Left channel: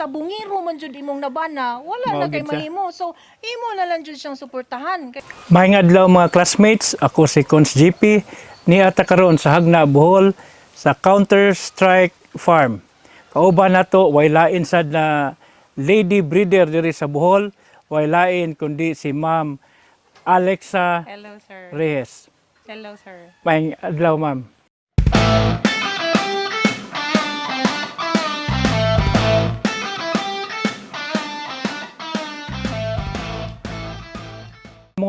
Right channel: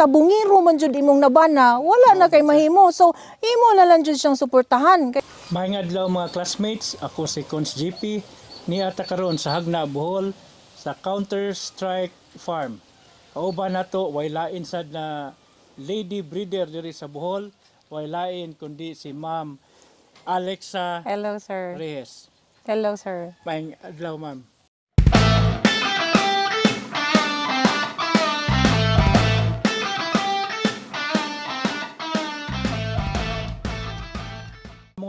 sa bungiro man jud imong nabana, wala na Mao kay mahimo. So imo na lang jud siyang suportahan. Kay Maayong adlaw mga classmates, ako si Cons GP ni ata karon sa Hagna Bohol sa Counter Strike Farm. Kauban nato way lain sad na lady breeder diri sa Bohol, way lain kundi si Ma'am Alexa Hello sir. Reyes. Hello sir. Maayong adlaw ma'am.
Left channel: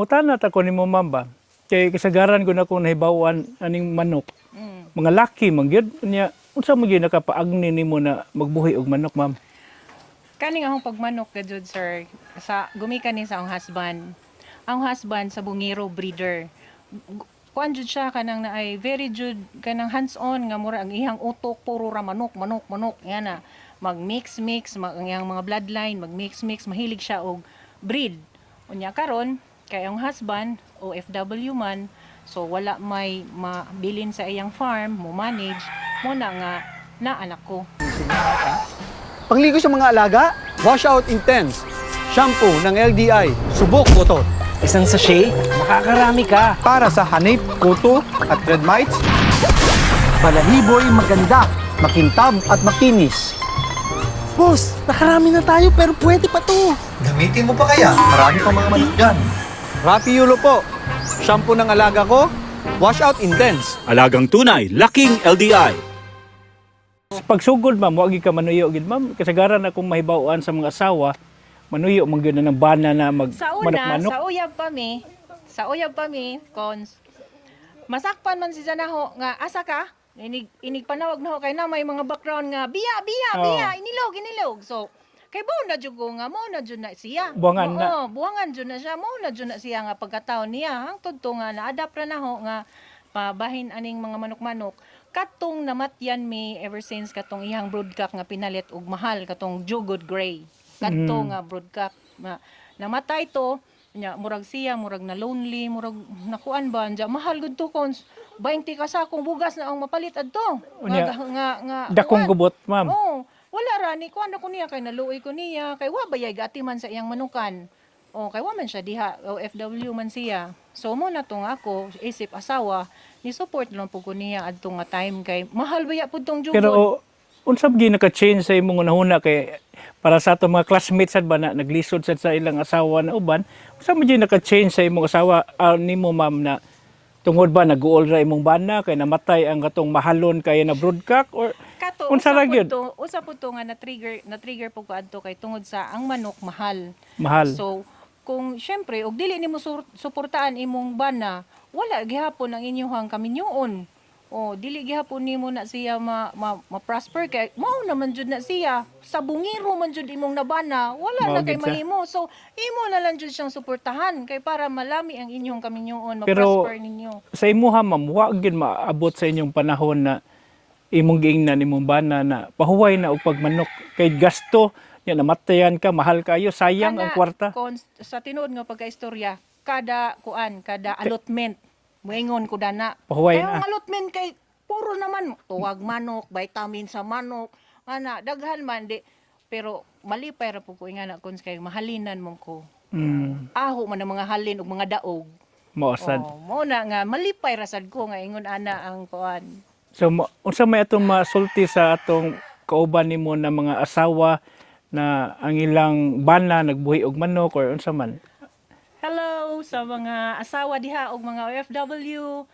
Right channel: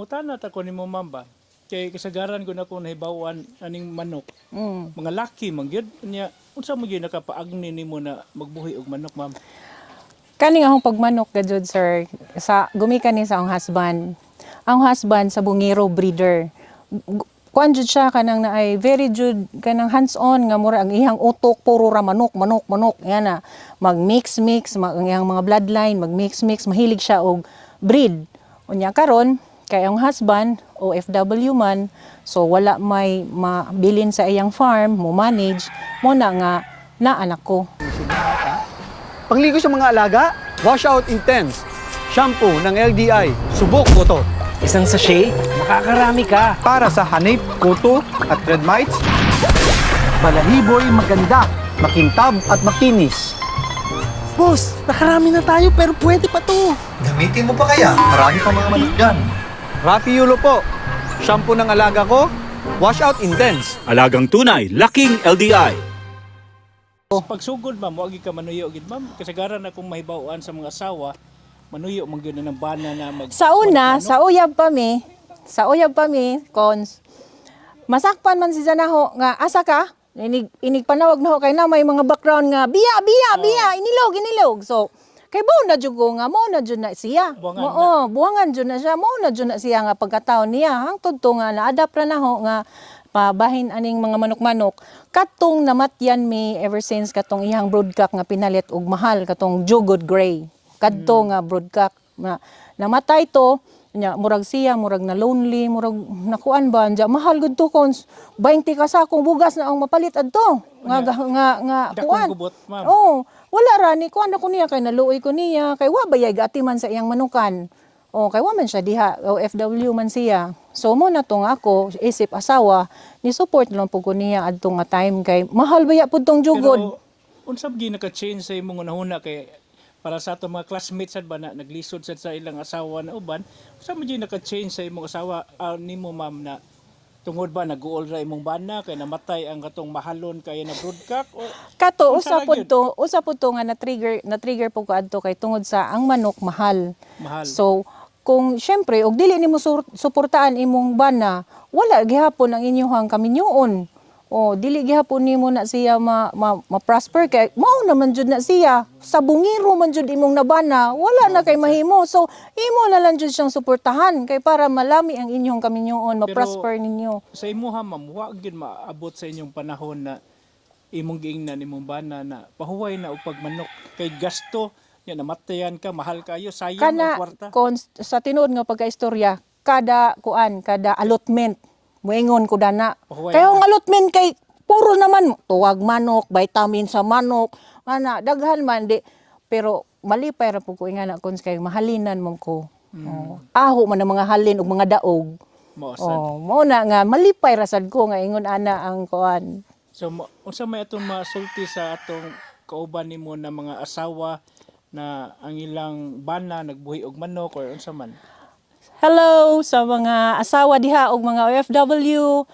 Mungutan na ako ni mo ma'am ba? Kay kasagaran ko na kung nahibawan aning manok. Mm. Mga laki man gyud niya. Unsa mo gyud nakapaagni nimo na magbuhi og manok ma'am? Kani nga akong pagmanok gadjud sir sa gumikan ni sa akong husband. Ang husband sa bungiro breeder. Kuan jud siya kanang na ay very jud kanang hands-on nga mura ang ihang utok puro ra manok manok manok yan na mag mix mix mag, ang iyang mga bloodline mag mix mix mahilig siya og breed. Unya karon kay ang husband OFW man so wala may mabilin sa iyang farm mo manage mo na nga na anak ko. Pangligo sa mga alaga, Wash Out Intense. Shampoo ng LDI. Subok ko to. Isang sachet, makakarami ka. Para sa hanip, kuto at red mites, Balahiboy maganda. makintab at makinis. Boss, nakarami na tayo pero pwede pa to. Gamitin mo pa kaya? Marami pang mga manok dyan. Rafi Yulo po. Shampoo ng alaga ko, Wash Out Intense. Alagang tunay, laking LDI. Pagsugod ma'am, wagi ka manuyo gid ma'am. Kasagaran akong mahibawan sa mga asawa, manuyo man gyud na ng bana na mag Sa una, manok-manok. sa uyab pa mi, sa uyab pa mi, cons, masakpan man si Zanaho nga asa ka, inig, inig panawag na ho kay na may mga background nga biya, biya, biya, inilog, inilog. So, kay buo na jud ko nga mo na jud na siya. Buwangan na. Oo, buwangan jud na siya, mo na jud na siya nga pagkataon niya. Hangtod to nga na-adapt ra na ho nga pabahin aning mga manok-manok katong namatyan mi ever since katong iyang broodcock nga pinalit og mahal katong jugod gray kadto nga broodcock nga namatay to nya murag siya murag na lonely murag nakuan ba nya mahal gud to kons 20 ka sa akong bugas na ang mapalit adto nga Unya, nga nga dakong kuan. gubot ma'am. Oh, wala ra ni kuan ako niya kay naluoy ko niya kay wa bayay gati man sa iyang manukan. Oh, kay wa man siya diha OFW man siya. So mo na tong ako isip asawa ni support lang pud ko niya adto nga time kay mahal baya pud tong jugod. Pero unsa gi naka-change sa imong nahuna kay para sa ato mga classmates sad ba na naglisod sad sa ilang asawa na uban, unsa mo gi naka-change sa imong asawa ah, nimo ma'am na tungod ba nag-uol ra imong bana kay namatay ang katong mahalon kay na broodcock or Kato usa pud to, usa pud to nga na trigger na trigger pud ko adto kay tungod sa ang manok mahal. mahal? So, kung syempre, og dili nimo suportaan imong bana, wala gihapon ang inyong kaminyoon. O dili gihapon nimo na siya ma, ma, ma-prosper. Kay mao naman jud na siya. Sa bungiro man jud imong nabana wala na Mao kay gid siya. mahimo. So imo na lang jud siyang suportahan. Kay para malami ang inyong kaminyoon Pero- ma-prosper ninyo. sa imuha ma'am, wa gyud maabot sa inyong panahon na imong giingnan imong bana na pahuway na og pagmanok kay gasto ya namatayan ka mahal kayo. Sayang ang kwarta. kon- sa tinuod nga pagkaistorya kada kuan kada allotment moingon ko dana Pahuway kaya na. ang allotment kay puro naman tuwag manok vitamin sa manok ana daghan man di pero malipay ra po ko ingana kon kay mahalinan mo ko Mm, aho man ang mga halin ug mga daog maosad. oh mo na nga malipay ra sad ko nga ingon ana ang kuan So unsa may atong masulti sa atong kauban nimo na mga asawa na ang ilang bana nagbuhi og manok or unsa man? Hello sa mga asawa diha ug mga OFW.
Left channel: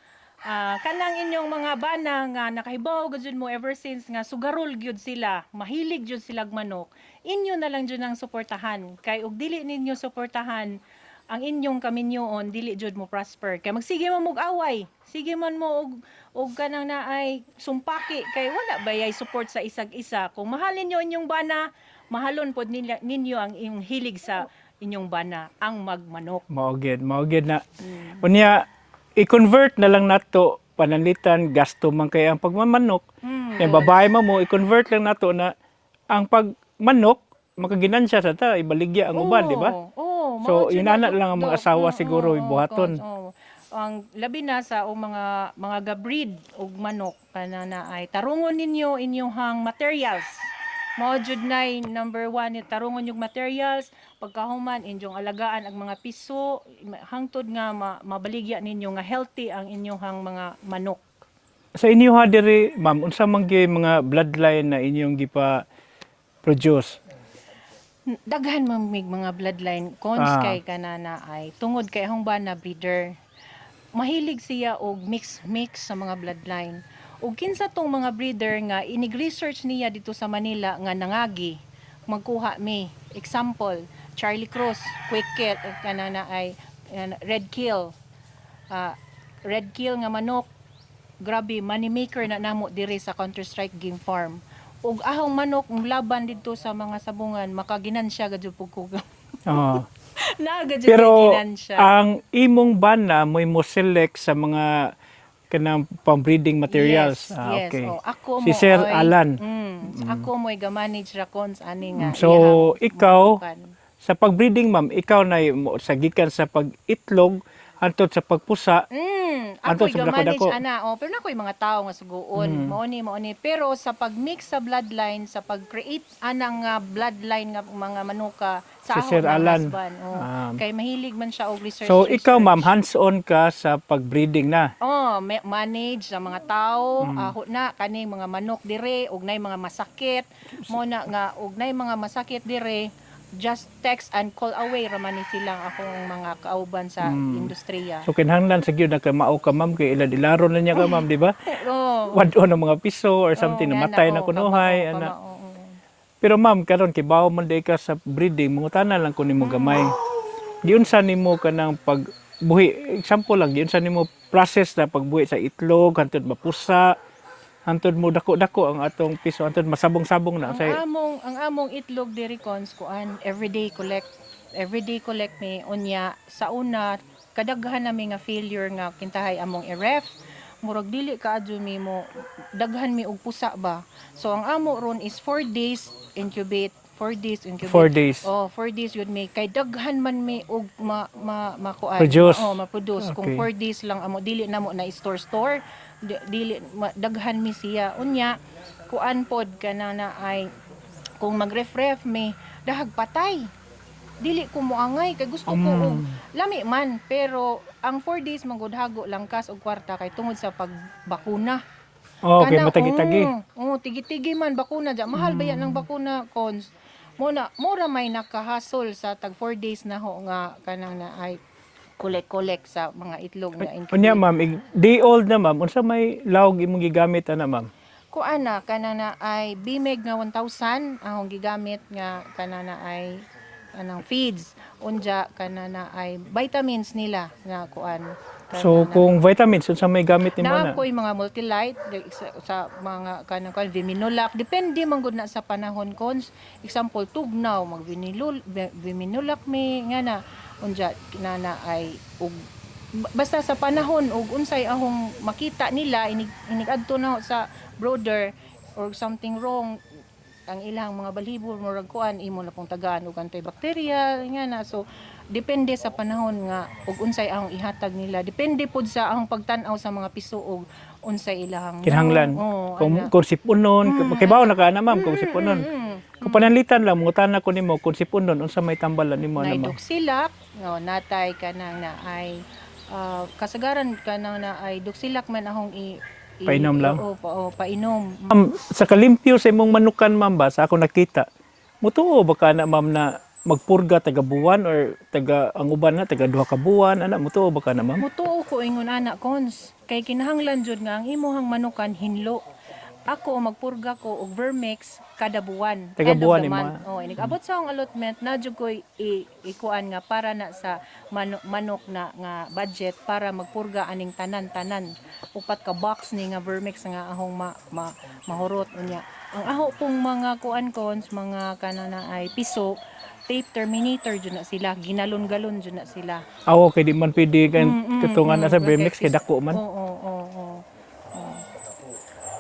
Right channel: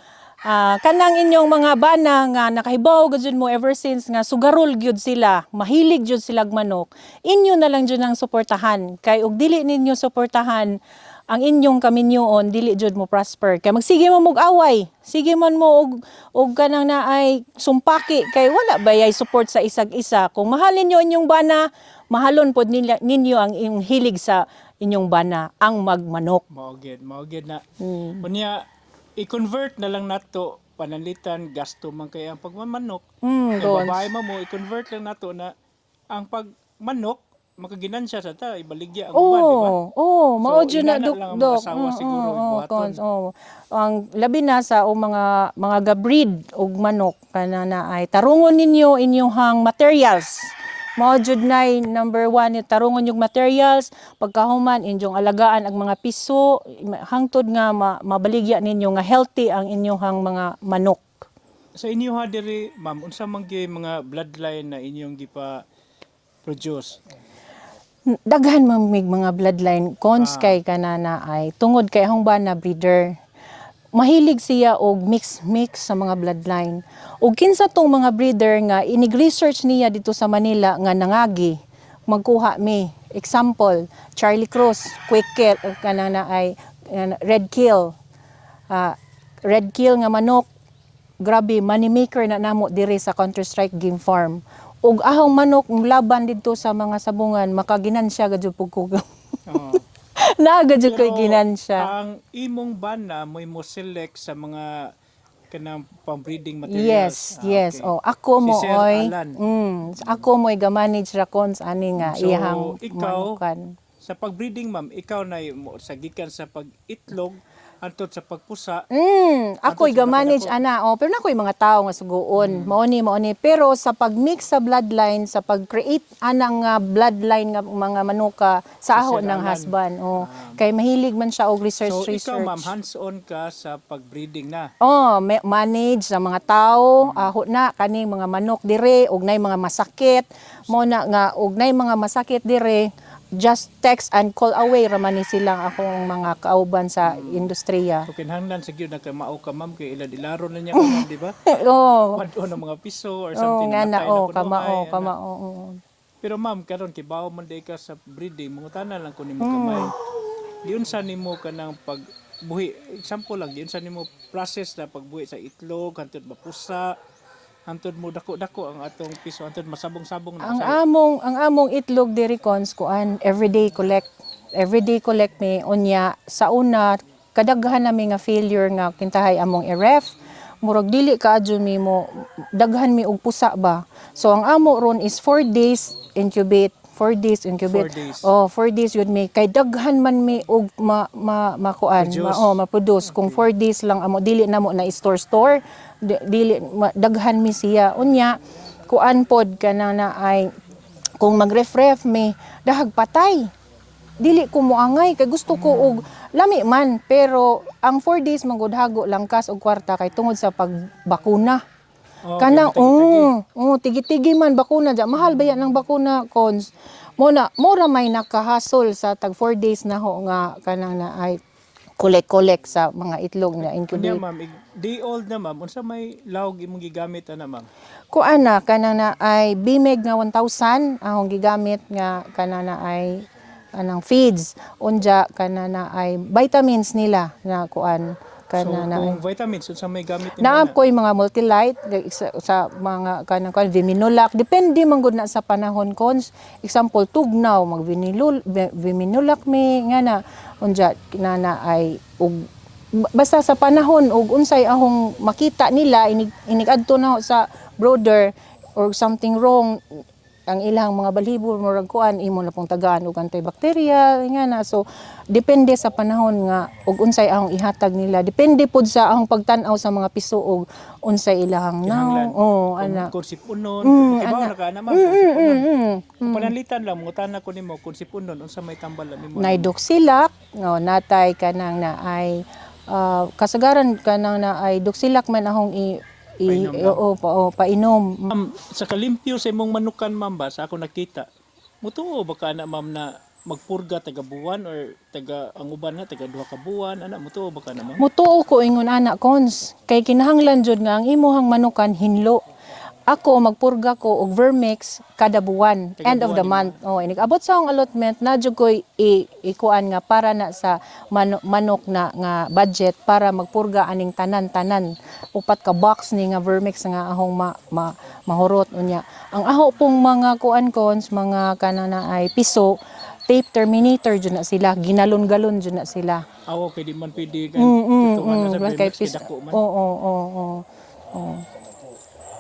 Ah, kanang inyong mga bana nga nakahibaw gud mo ever since nga sugarol gyud sila, mahilig jud sila og manok. Inyo na lang jud ang suportahan kay ug dili ninyo suportahan ang inyong kaminyoon dili jud mo prosper kay magsige mo mog away sige man mo og og kanang naay sumpaki kay wala bayay support sa isag isa kung mahalin niyo inyong bana mahalon pod nila, ninyo ang inyong hilig sa inyong bana ang magmanok Mao gyud, mao gyud na. Mm. Unya i-convert na lang nato pananlitan gasto man kay ang pagmamanok. Mm, Eh babae mo mo i-convert lang nato na ang pagmanok makaginansya sa ta ibaligya ang uban, di ba? Oo, So, mao inana na lang ang mga asawa Oo, siguro, oo, ibuhaton. oo. Ang labi na sa o mga mga gabreed og manok kana na ay tarungon ninyo inyong materials Mao jud nay number one tarungon yung materials, pagkahuman inyong alagaan ang mga piso, hangtod nga ma- mabaligya ninyo nga healthy ang inyong mga manok. Sa inyo ha diri, ma'am, unsa man mga bloodline na inyong gipa produce? daghan man mga bloodline cons Ah. kay kanana ay tungod kay hong ba na breeder mahilig siya og mix mix sa mga bloodline. Ug kinsa tong mga breeder nga inig research niya dito sa Manila nga nangagi. Magkuha mi example Charlie Cross Quick Kill ug kanana ay uh, Red Kill. Ah, Red Kill nga manok. Grabe money maker na namo diri sa Counter Strike Game Farm. Ug ahong manok laban dito sa mga sabungan makaginansya gadyo pug ko Ah. Naagad yung Pero kay ginansya. ang imong bana mo mo select sa mga kanang pang-breeding materials. Yes, Ah, yes. okay. Oh, ako mo si Sir oy, Alan. Mm, Ako mo ga-manage ra kon sa ani nga So, iyahang ikaw, manukan. Sa pag-breeding, ma'am, ikaw na mo sa gikan sa pag-itlog antod sa pagpusa. Mm, Ato ako sa ga-manage ana. Oh, pero nakoy mga tao nga suguon. Mao ni mao ni. Pero sa pag-mix sa bloodline, sa pag-create anang nga bloodline nga mga manuka sa Sa ahon ng husband. Oh, Ah. kay mahilig man siya og research. So, ikaw, research. ma'am, hands-on ka sa pag-breeding na. Oh, ma- manage sa mga tao, aho na kani mga manok dire, ug nay mga masakit, mo na nga ug nay mga masakit dire, just text and call away raman ni silang akong mga kauban sa industriya. So, kinahanglan sa gyud kay mao ka, ma'am, kay ilad-ilaro na niya ka, ma'am, di ba? oh, Wad-o ng mga piso or something na matay na ana. oh, Pero ma'am, karon kay bawo man day ka sa breeding, mangutana lang ko nimo gamay. Giun sa nimo kanang pag buhi, example lang, giun sa nimo process na pagbuhi sa itlog, hantod mapusa, hantod mo dako-dako ang atong piso, hantod masabong-sabong na Ang sa among ang among itlog diri cons kuan everyday collect everyday collect ni unya sa una kadaghan nami nga failure nga kintahay among i-ref. Murag dili ka mi mo daghan mi og pusa ba? So ang amo ron is 4 days incubate 4 days incubate. Four days. oh 4 days yun mi. Kay daghan man mi og ma, ma makuan ma, oh, ma-produce. Kung Okay. 4 days lang amo dili na mo na store store dili daghan mi siya unya kuan pod ka na na ay kung mag-ref-ref mi dahag patay dili ko moangay kay gusto ko og lami man pero ang 4 days magudhago lang kas og kwarta kay tungod sa pagbakuna Oh, kay matagi-tagi. oo, oo, tigi-tigi man bakuna dya. Mahal ba yan ang bakuna cons? Mo na mo ra may nakahasol sa tag 4 days na ho nga kanang na ay collect-collect sa mga itlog na Unya incubate. ma'am, day old na ma'am, unsa may lawg imong gigamit ana ma'am? Kuan na kanang na ay Bimeg nga 1,000 ang gigamit nga kanang na ay anang feeds unja kanang na ay vitamins nila nga kuan So kanang na. kung vitamins unsa may gamit nimo Naa na? ko'y mga multilite sa, sa mga kanang kan Viminulac depende man gud na sa panahon. Cons example tugnaw mag Vinilul vi- Viminulac mi nga na unja na na ay ug basta sa panahon ug unsay ahong makita nila inig inigadto na sa brother or something wrong ang ilang mga balibo murag kuan imo na pong tagaan og antibacteria nga na. So depende sa panahon nga ug unsay ang ihatag nila. Depende pod sa ang pagtan-aw sa mga piso og unsay ilang Kinahanglan. oh kung, ana kung sipunon, kay bawo na ka ana ma'am, kung sipunon. mm, Kung pananlitan lang, mungutana ko nimo kung sipunon, unsa may tambalan nimo na naidoksilak no natay kanang na ay ah, kasagaran kanang na ay doksilak man ahong i Painom lang. oo, pa, oo, painom Ma'am, sa kalimpyo sa imong manukan, ma'am ba, sa ako nakita, mutuo ba ka na, ma'am, na magpurga taga buwan or taga ang uban na taga duha ka buwan ana mutuo ba ka na ma'am Mutuo ko ingon ana cons kay kinahanglan jud nga ang imuhang manukan hinlo. Ako magpurga ko og vermix kada buwan, Taga end of buwan the ni month. Oh, inig abot sa akong allotment na jud koy ikuan nga para na sa mano- manok na nga budget para magpurga aning tanan-tanan. Upat ka box ni nga vermix nga ahong ma, ma- mahurot unya. Ang aho pong mga kuan cons, mga kanana ay piso, tape terminator jud na sila, ginalon-galon jud na sila. awo kay di man pwede kan tutungan na sa mm, Bremex kay kay dako man Oo, oo, oo.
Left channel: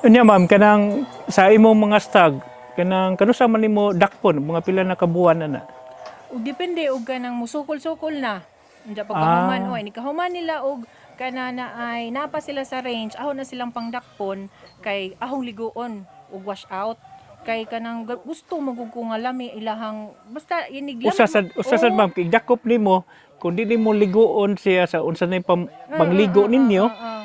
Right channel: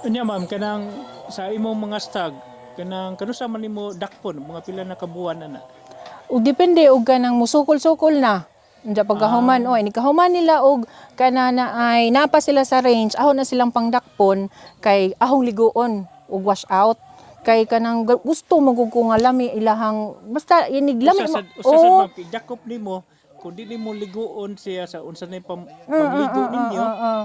Unya ma'am kanang sa imong mga stag kanang kanusa man nimo dakpon mga pila na kabuwan ana Ug depende og kanang musukol-sukol na. Unja pagkahuman Ah. oy, ni kahuman nila og kana na ay napa sila sa range, aho na silang pangdakpon kay ahong ligoon og wash out. kay kanang gu- gusto magug ko nga lami ilahang basta inig lami. Usa sad usa sad ma'am kay dakop nimo kun di nimo ligoon siya sa unsa na yung pam- pangligo ninyo Ah, ah.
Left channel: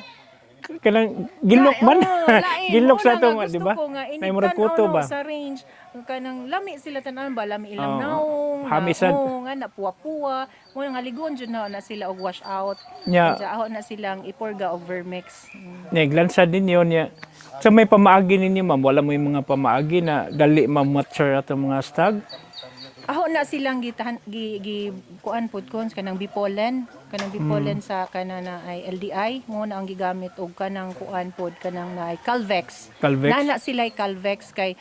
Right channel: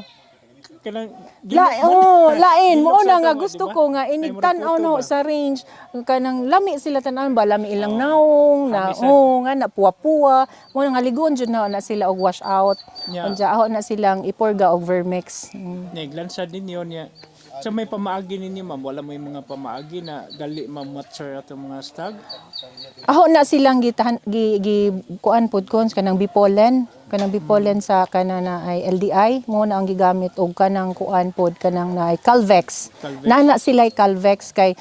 Kanang gilok La- man oh, lain gilok sa na nga ato, gusto ba? ko nga ini murag tan kuto no ba? sa range kanang lami sila tanan ba lami ilang Oo. naong nga oh nga na puwa-puwa mo nga ligon jud na na sila og wash out Nya. Kanya aho na silang iporga og vermix Mm. Naglansad ninyo niya. Sa may pamaagi ninyo ma'am, wala mo yung mga pamaagi na gali ma-mature ato mga stag. aho na silang gitahan gi, gi kuan kon kanang bipolen kanang bipolen Mm. sa kana na ay LDI mo na ang gigamit og kanang kuan pod kanang na ay Calvex Calvex. Nana sila ay Calvex kay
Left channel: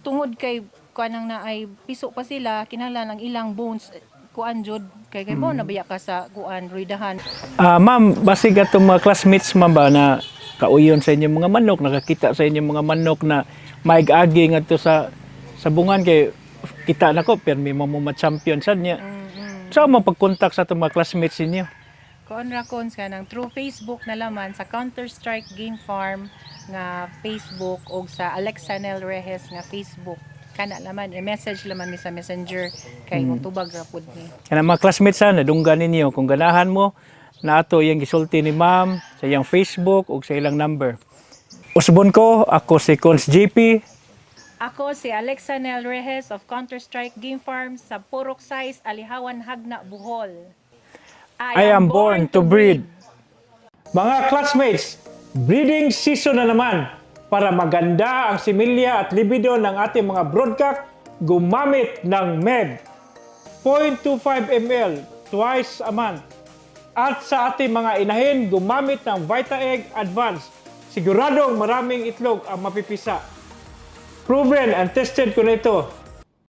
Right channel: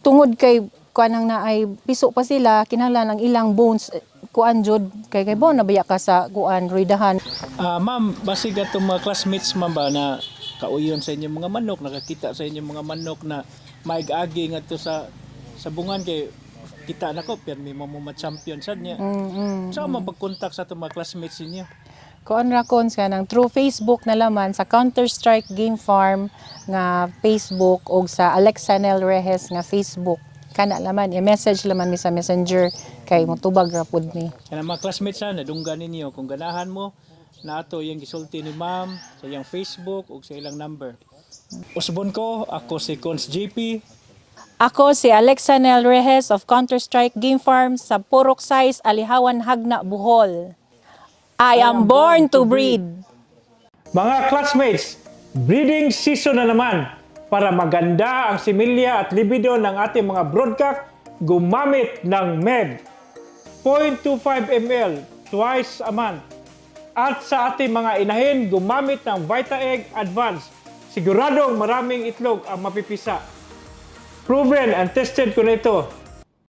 tungod kay kanang na ay piso pa sila kinahanglan ang ilang bones eh, kuan jud kay kay Mm. na nabaya ka sa kuan ridahan Ah, ma'am, basig atong mga classmates ma'am ba na kauyon sa inyong mga manok, nakakita sa inyong mga manok na maig-agi ngadto sa sa bungan kay kita na ko pero may mga champion sad niya. mm Sa mo pag-contact sa atong mga classmates ninyo? kuan ra kon sa nang through Facebook na laman sa Counter Strike Game Farm nga Facebook og sa Alexanel Rehes nga Facebook kana laman i-message laman mi sa Messenger kay Hmm. motubag ra pud ni Kana mga classmates sa nadunggan ninyo kung ganahan mo na ato iyang gisulti ni ma'am sa iyang Facebook o sa ilang number. Usbon ko, ako si Cons GP. Ako si Alexanel Rehes of Counter Strike Game Farm sa Purok Size, Alihawan, Hagna, Bohol. I, am, born, to breed. Mga classmates, breeding season na naman. Para maganda ang similya at libido ng ating mga broodcock, gumamit ng MED. 0.25 ml twice a month. At sa ating mga inahin, gumamit ng Vita Egg Advance. Siguradong maraming itlog ang mapipisa. Proven and tested ko na ito